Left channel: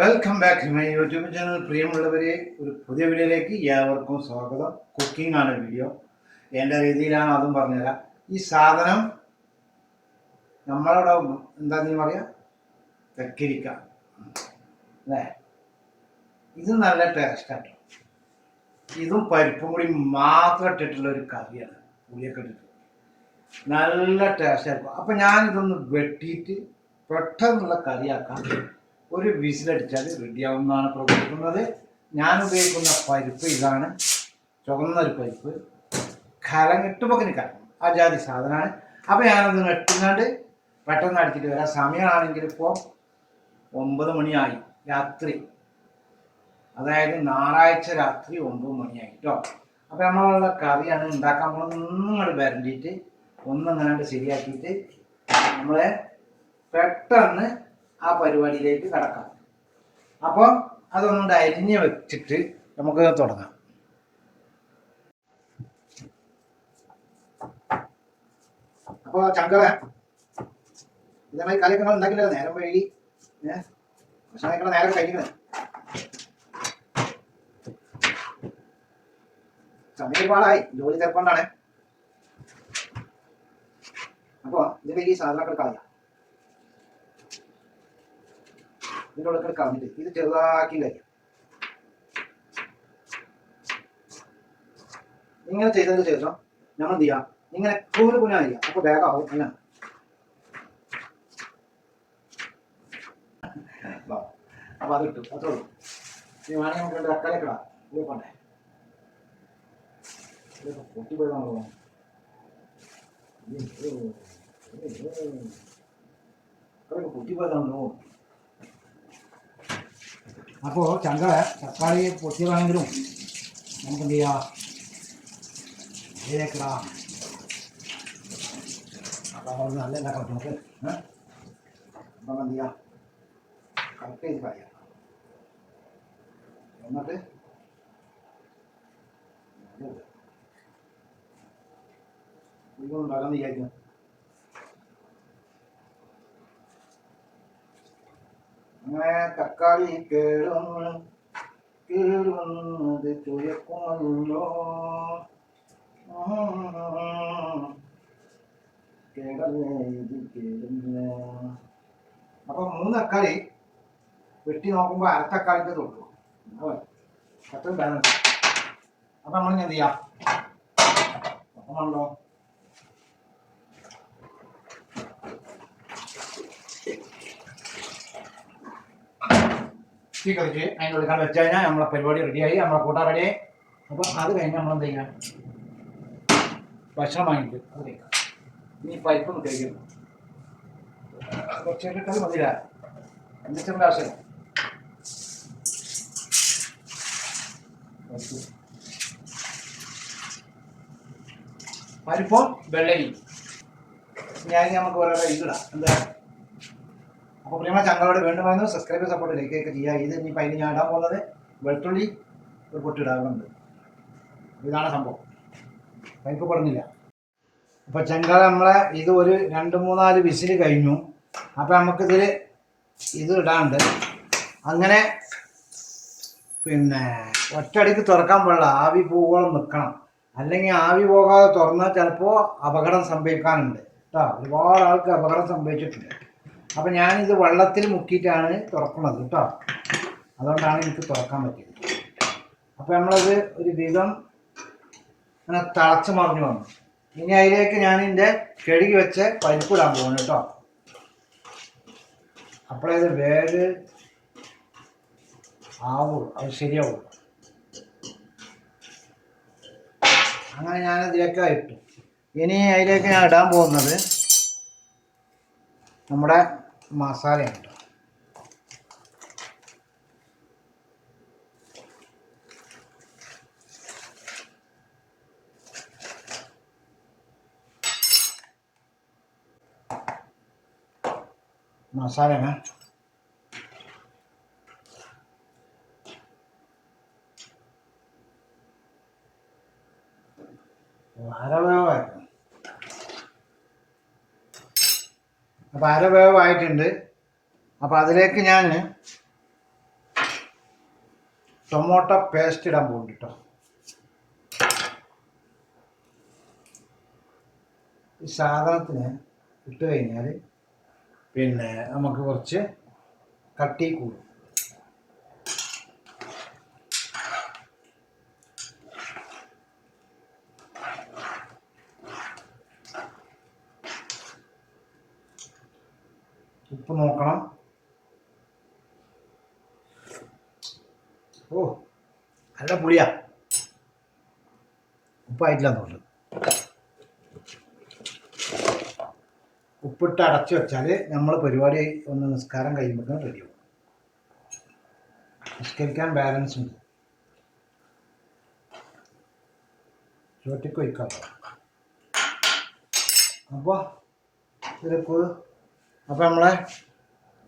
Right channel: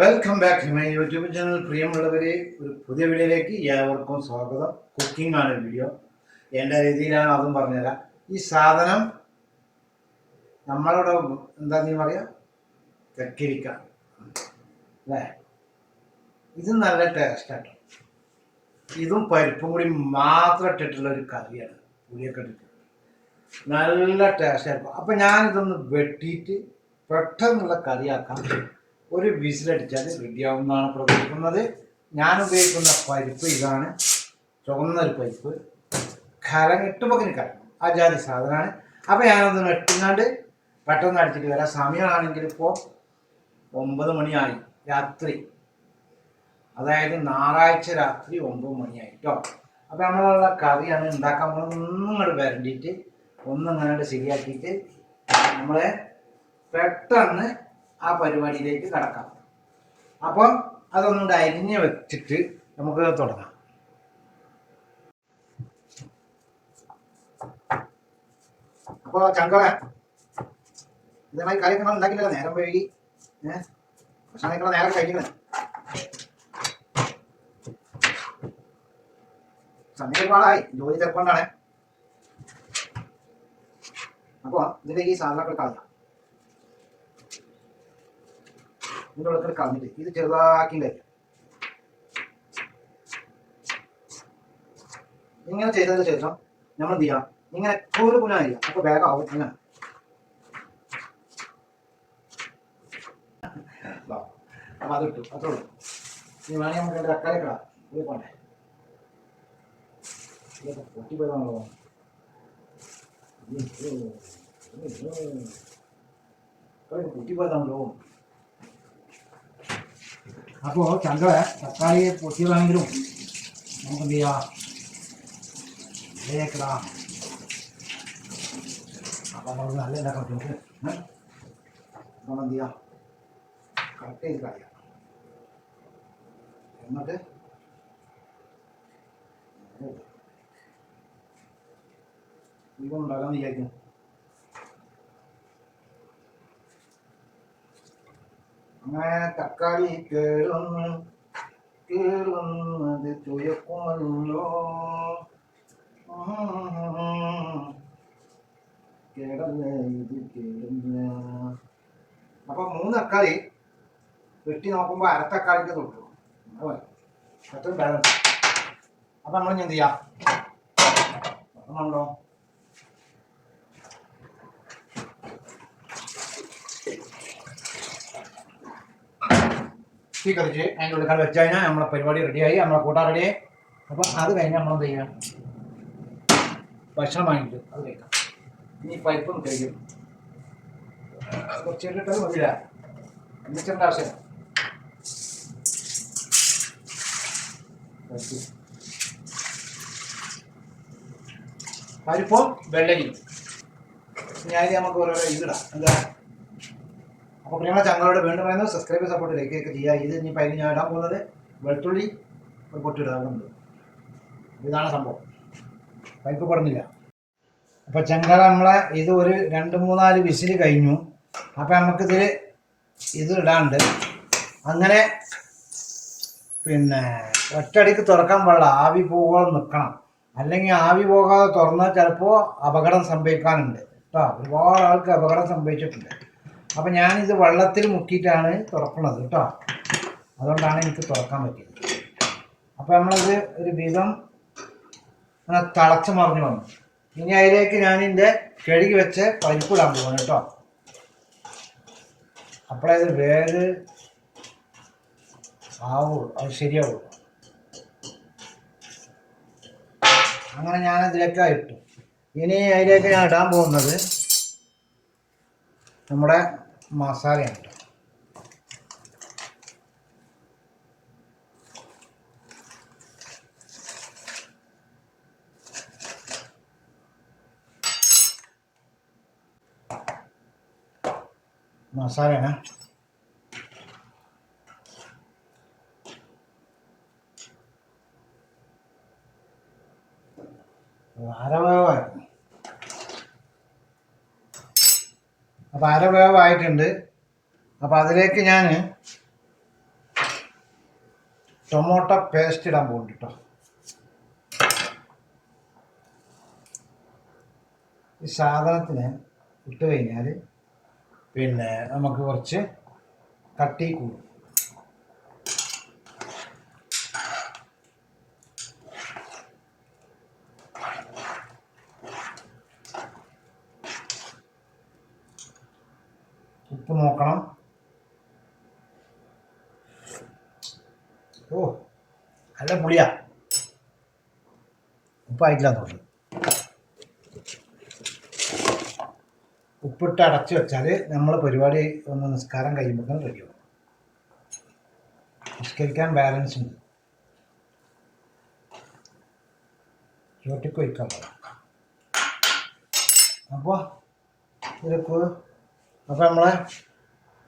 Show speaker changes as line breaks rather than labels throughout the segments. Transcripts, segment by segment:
Welcome back to my YouTube channel പ്രിയമുള്ളവരെ ഒരു പുതിയ വീഡിയോയിലേക്ക് ഏവർക്കും സ്വാഗതം. കുക്കിംഗ് ആണ് വീഡിയോ എന്റെ രീതിയിലാണ് അതും പറഞ്ഞുതരാം. ഈ സാധനം നമ്മളവിടെ എന്താ നീ പറയുക തെക്കിരിക്ക. അല്ലേ? ഇത് നല്ല ടേസ്റ്റാട്ടോ ഇതും പരിപ്പും കൂടി മാത്രം ഇട്ടിട്ടുള്ള ഒരു കറിയാണ്. പുളിയൊക്കെ ഇട്ടിട്ട്. നല്ല ടേസ്റ്റ് ആയിരിക്കും. അപ്പം ഞാനിതൊന്ന് വെട്ടിയിട്ട് പെട്ടെന്നുള്ള കറിയാക്കാം. ഒരു വിസിലടിച്ചാൽ റെഡിയാവുന്നതാണ് പ്രവർത്തിക്കുന്നത് ഞാൻ ഉപയോഗിക്കുന്ന പരിപ്പ് ഇതാണ്. ചുവന്നൊരു പരിപ്പ്. കലം എട്ടുപക്കിന് കലം ആ ജാതി സാധനമാണ്. അപ്പോൾ ഞാനത് എട്ടുങ്ങാണ്ട് പെട്ടെന്ന് അടിച്ചിട്ട് വരാം. സമയമാണെങ്കിൽ ഇപ്പോൾ ഒമ്പത് മണിയായി. രാത്രി. അതായത് ഞായറാഴ്ച രാത്രി ഒമ്പത് മണിയായി കേട്ടോ. അപ്പോൾ നമ്മളുള്ള കറിയാണ് ഉണ്ടാക്കാൻ പോകുന്നത്. ഒന്നും ഇങ്ങോട്ട് വരണ്ടിയിട്ട് ഒന്നും ഇങ്ങനെ ശരിയാക്കിയിട്ട് നമ്മളെ പെട്ടെന്ന് ആ പരിപാടിയിലേക്ക് കടക്കാം. അപ്പോൾ അതൊന്ന് അരിഞ്ഞ് വെച്ചിട്ട് നമുക്ക് തുടങ്ങാം. അപ്പോൾ ചങ്കള ഇതേമാതിരി കളിയൊക്കെ നമ്മൾ ഉണ്ടാക്കില്ല നേരം വഴി ഏഹ് ഭക്ഷണം നേരം കഴിക്കുന്നത് സമയം ജോലി തിരക്കൊണ്ടാണ്. അപ്പോൾ ഇതിന്റെ ഈ സാധനങ്ങൾ കളയാം. ഇതിന്റെ ഉള്ളിൽ കളഞ്ഞിട്ട് ഇത് ചെറുതാക്കി കഴിക്കാം. ഇങ്ങനെ ചെയ്തതിന് ശേഷം നമ്മൾ എന്ത് ചെയ്യാം? ഇങ്ങനെ കൂന് പുനഃ ചെയ്യാം അപ്പോൾ വേഗമാവും അങ്ങനെ. അപ്പൊ അത് കിട്ടും അത്രേ ഉള്ളൂ. ഇനി വേണമെങ്കിൽ നമുക്ക് രണ്ട് തക്കാളി കിടാം പോണ്ടേ? ഇതൊക്കെ പൊട്ടിപ്പോയതാണല്ലോ. പൊട്ടിപ്പോയതാണല്ലോ. അപ്പോൾ ചങ്കള തക്കാളി പൊട്ടിയതാണെങ്കിലും നമുക്ക് എന്ത് ചെയ്യാം ഇതിലേക്കിടാം അപ്പോൾ നമ്മൾ നല്ല ഉണ്ടാക്കാൻ പറ്റും നമുക്ക് ഏഹ് അപ്പം എന്ത് ചെയ്യാം കറക്റ്റ് ചെയ്ത് കളയാം എന്നിട്ട് ഇപ്പം ഉണ്ടാകാമെന്ന് വിചാരിക്കും. അങ്ങനെ തക്കാളി കേടുവന്ന് കേടുവന്നത് ചുയക്കുമല്ലോ കേടല്ലേ ഇത് കേടില്ല അപ്പൊ മൂന്ന് തക്കാളി വെട്ടി നോക്കുമ്പോൾ അര തക്കാളിക്ക് തൊട്ടു. അത്രയും ബാലൻസ് അപ്പൊ നമ്മൾ എന്ത് ചെയ്യാം? നമ്മളോ തീ കളിച്ച് അതിന്റെ ഉള്ളിൽ വെച്ച് കഴിഞ്ഞാൽ നമ്മളെ പരിപാടി റെഡിയായി നമ്മളെ കൂട്ടാൻ റെഡിയായി അപ്പോൾ അത് കഴിഞ്ഞ് നമ്മളെന്ത് ചെയ്യാം? ഭക്ഷണം വാങ്ങിയിട്ട് അത് കഴിക്കാം. ഇനി പരിപ്പൊന്ന് കഴിക്കും. കുറച്ച് ഇട്ടിട്ട് മതിയില്ല? എന്നിട്ട് ആവശ്യമില്ല. പരിപ്പ്. പരിപ്പും വെള്ളരി ഞാൻ നമുക്ക് ഓരോ ഇതിടാം എന്താ? അപ്പോൾ പ്രിയമുള്ള ചങ്ങളോട് വീണ്ടും പറയുന്നു സബ്സ്ക്രൈബ് സപ്പോർട്ട് ലൈക്ക് ഒക്കെ ചെയ്യുക. ഇത് ഇനി അതിന് ഞാൻ ഇടാൻ പോകുന്നത് വെളുത്തുള്ളി ഒരു പൊട്ടിടാകുന്നുണ്ട് ഇതാണ് സംഭവം. പൈപ്പ് പെടുന്നില്ല അപ്പോൾ ചെങ്കള നമ്മളെ ഇത് ഒരു രണ്ട് മൂന്നാൽ വിസിൽ കഴിഞ്ഞു. അപ്പോൾ നമുക്കിതിൽ ഇത് ഇടാണ്ട് അങ്ങനെ പിന്നെ ഒറ്റടിക്ക് തുറക്കാൻ പാടില്ല. ആവി പോകോളം നിൽക്കണം അല്ലെങ്കിൽ ആവി പോകാതെ തുറന്നാൽ ചിലപ്പോൾ അപകടം സംഭവിക്കാനുണ്ട്. കേട്ടോ ഒരുപാട് ആൾക്ക് അപകടം സംഭവിച്ചിട്ടുണ്ട്. അപ്പം ഞാനിത് വെള്ളത്തിൽ മുക്കിയിട്ടാണ് തുറക്കുന്നത് കേട്ടോ. അതുകൊണ്ടാണ് എനിക്ക് തുറക്കാൻ പറ്റിയത്. അപ്പോൾ നമ്മളത് ഒരു വിധം അങ്ങനെ തിളച്ച് മറിഞ്ഞു വന്നു. ഇനി അതിലേക്ക് ഞാൻ ഇതിന്റെ കഴുകി വെച്ച് പരിപ്പിടാൻ പോകുന്നു കേട്ടോ. അപ്പോഴേ ഇത് വേര് ആവുള്ളൂ അത് ശരിയാവുള്ളൂ. അങ്ങനെ ഞാൻ ഇതിലേക്ക് ഇട്ടു. ഇനി അതിലേക്ക് ഞാൻ ഇടാൻ പോകുന്നത് നമ്മുടെ മസാലയാണ് മസാലയാണ്. അരവേവായിരുന്നു അപ്പോൾ അരവേവായിട്ടുണ്ട് അപ്പോൾ അതിലേക്ക് ഞാൻ ടൊമാറ്റോ പേസ്റ്റ് ഇടാൻ പോകുന്നുണ്ട് കേട്ടോ ഈ സാധനത്തിന് ഇട്ട് കഴിഞ്ഞാൽ പിന്നെ നമുക്ക് കുറച്ച് കട്ടി കൂടും. ഉപ്പ് നോക്കണം. ഓ നല്ല പുളിയാ. ഉപ്പായിട്ടില്ല തോന്നുന്നു. ഉപ്പിട്ട് അടച്ചു വെച്ചാൽ നമ്മൾ പരിപാടി ഒന്ന് നിസ്കാരം കഴിയുമ്പോൾ റെഡിയാവും നിസ്കരിക്കാൻ ബാലൻസ് ഉണ്ട്. ചോട്ടിക്ക് വയ്ക്കാം അപ്പോൾ ഇതിലേക്ക് അപ്പോൾ നമ്മളെ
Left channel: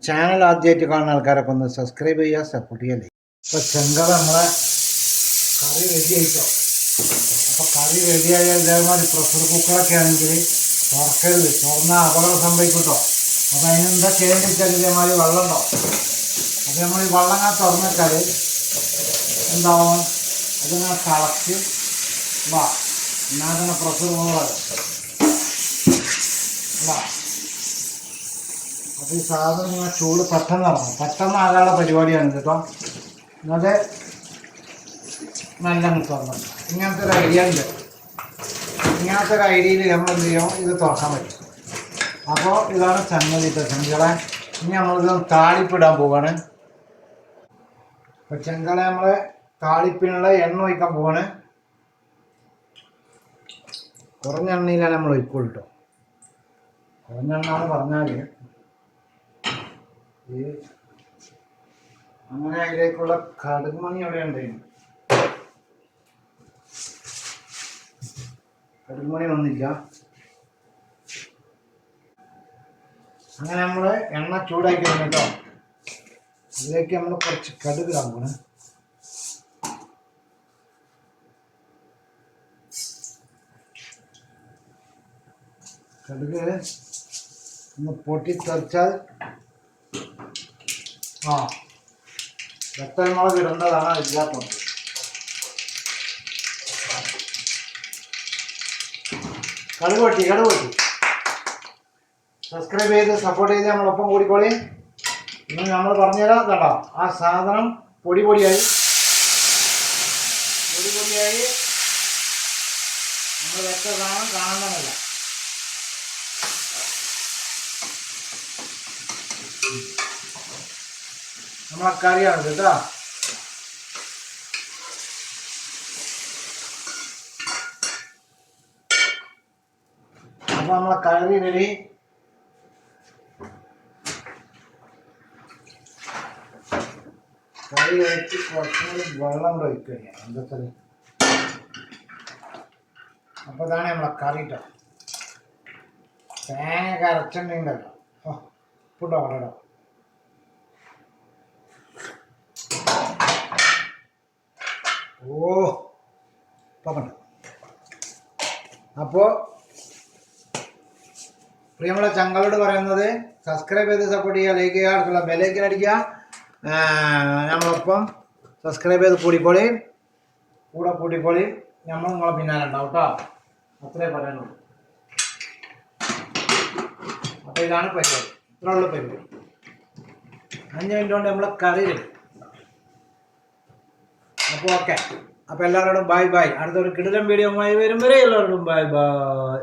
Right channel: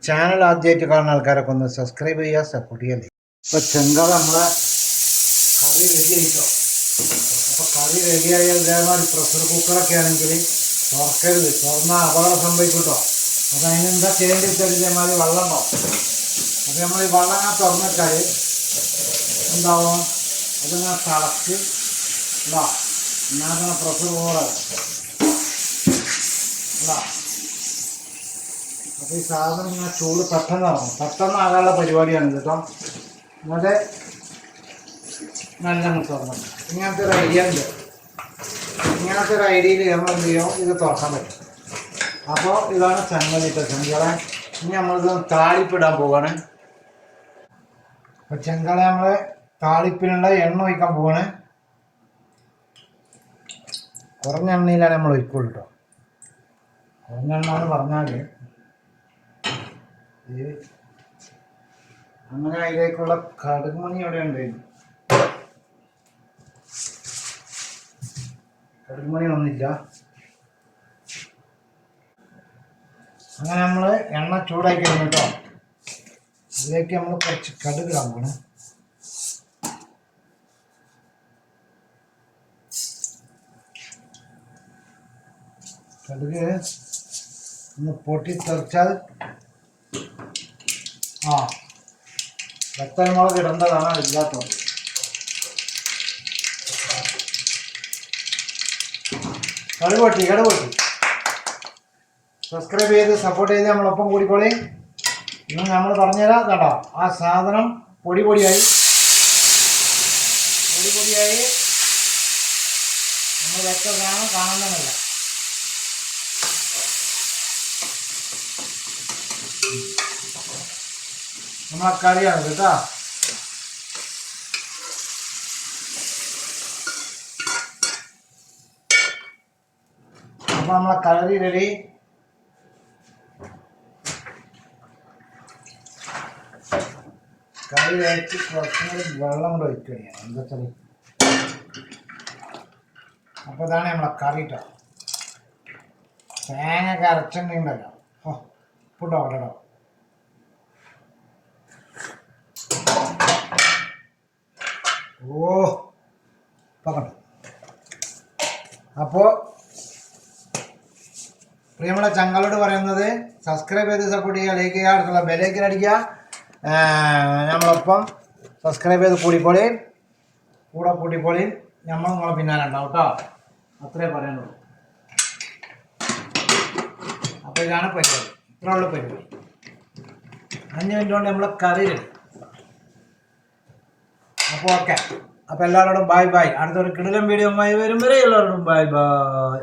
ചാനൽ ആദ്യമായിട്ട് കാണുന്ന ആൾക്കാരൊക്കെ ഒന്ന് സബ്സ്ക്രൈബ് ചെയ്യുക സപ്പോർട്ട് ചെയ്യല്ലേ ഇപ്പോൾ ചെങ്കൾ നമ്മളെ കറി റെഡി ആയിട്ടോ? അപ്പോൾ കറി റെഡിയായ ഇതേമാതിരി പ്രഷർ കുക്കറൊക്കെ ആണെങ്കിൽ തുറക്കരുത്. തുറന്നാൽ അപകടം സംഭവിക്കട്ടോ. അപ്പോൾ അതിനെന്താ ചെയ്യേണ്ടത് വെച്ചാൽ ഇതേമാതിരി വെള്ളം ഉണ്ടാവും. അപ്പോൾ നമ്മൾ വെള്ളം ഞാൻ തുറന്നിട്ടാൽ എന്താവും? അതിങ്ങനെ തിളച്ച് വാ. എന്നാ പ്രഷർ പോകാതെ വാ. അപ്പോൾ ഈ സാധനം ഇങ്ങനെ ചൂട് പെട്ടെന്ന് ഇറങ്ങും. പെട്ടെന്ന് ആകാനുള്ള പരിപാടിയാണ് കേട്ടോ എന്നത് നല്ല തുറന്നു ഇങ്ങനത്തെ ഒരു ഐഡിയ ഉണ്ട് ഇങ്ങനത്തെ ഒരു ഐഡിയയിൽ നമ്മൾ എന്ത് ചെയ്യും? ഇത് തുറക്കാൻ പറ്റും. അപ്പോൾ ഇതാണ് ചെങ്കലിട്ട ചെങ്കളെ. ഇനി നമ്മളിത് താളിപ്പിടാൻ പോവാണ്. അപ്പോൾ ചെങ്കളെ നമ്മൾ താളിപ്പിനുള്ള എണ്ണ ഒഴിക്കാൻ പോവാണ്. കുറഞ്ഞ എണ്ണയിലാണ് നമ്മൾ ഒഴിക്കുള്ളൂ കേട്ടോ കുറഞ്ഞ എന്ന് പറഞ്ഞാൽ അങ്ങനെ അതിലേക്കുള്ള കടുക് മണി അവിടെ ഉണ്ടായിരുന്നു. കടുക് മണി വന്നില്ല. അങ്ങനെ നമ്മൾ എണ്ണ ചൂടാക്കി കേട്ടോ. അതിലേക്ക് നമ്മൾ കുറച്ച് കടുക് ഇടാൻ പോണേ. കടുക് ഒന്ന് പൊട്ടി തെറിച്ചാൽ ആ. മുളക് ഇടേണ്ടതാണ് ഇല്ലാത്തത് കടുക് പൊട്ടി സബ്സ്ക്രൈബ് ചെയ്ത് സപ്പോർട്ട് ചെയ്ത് നമ്മളൊപ്പം കൂടിക്കോളി. ഇന്ന് നമ്മൾ പറഞ്ഞുതരാം കേട്ടോ ആ സാധനം പൊടി പൊടിയായി. പൊടി പൊടിയായി. നമ്മൾ എത്ര കാണാൻ കാണുന്നതല്ല. നമ്മളെ കറിയാണ് കേട്ടോ അപ്പൊ കറി റെഡി കറി കൂടി വെള്ളം കൂടെ ഒഴിക്കുകയാണ് എന്താ അപ്പോൾ ഇതാണ് നമ്മളെ കറി കേട്ടോ തേങ്ങ ഒക്കെ അരച്ചിട്ടുണ്ടല്ലോ ഓ ഉപ്പിട്ടോ കേട്ടോ ഓ പറഞ്ഞു. അപ്പോ പ്രിയമുള്ള ചങ്ങളോട് പറയുന്നത് സബ്സ്ക്രൈബ് ചെയ്ത് സപ്പോർട്ട് ചെയ്യുക ലൈക്ക് ചെയ്യുക അടുത്തുള്ള ബെലൈക്കൻ അടിക്കുക. നമ്മളൊപ്പം സബ്സ്ക്രൈബ് ചെയ്ത് കൂടിക്കോളി. കൂടെ കൂട്ടിക്കോളി നമ്മൾ നിങ്ങളെ പിന്നാലെ ഉണ്ടാവും കേട്ടോ അത്രേ പറയാനുള്ളൂ. അപ്പോൾ ഇതാണ് പരിപാടി. ഇത്രയുള്ള പരിപാടി. അഞ്ച് മിനിറ്റ് കൊണ്ട് നമ്മളെ കറി ready. അപ്പോൾ ഓക്കെ അപ്പോൾ എല്ലാവരോടും ബൈ ബൈ അടുത്തൊരു കിടിലം വീഡിയോ വരും വരെ എല്ലാവരോടും ബൈ ബൈ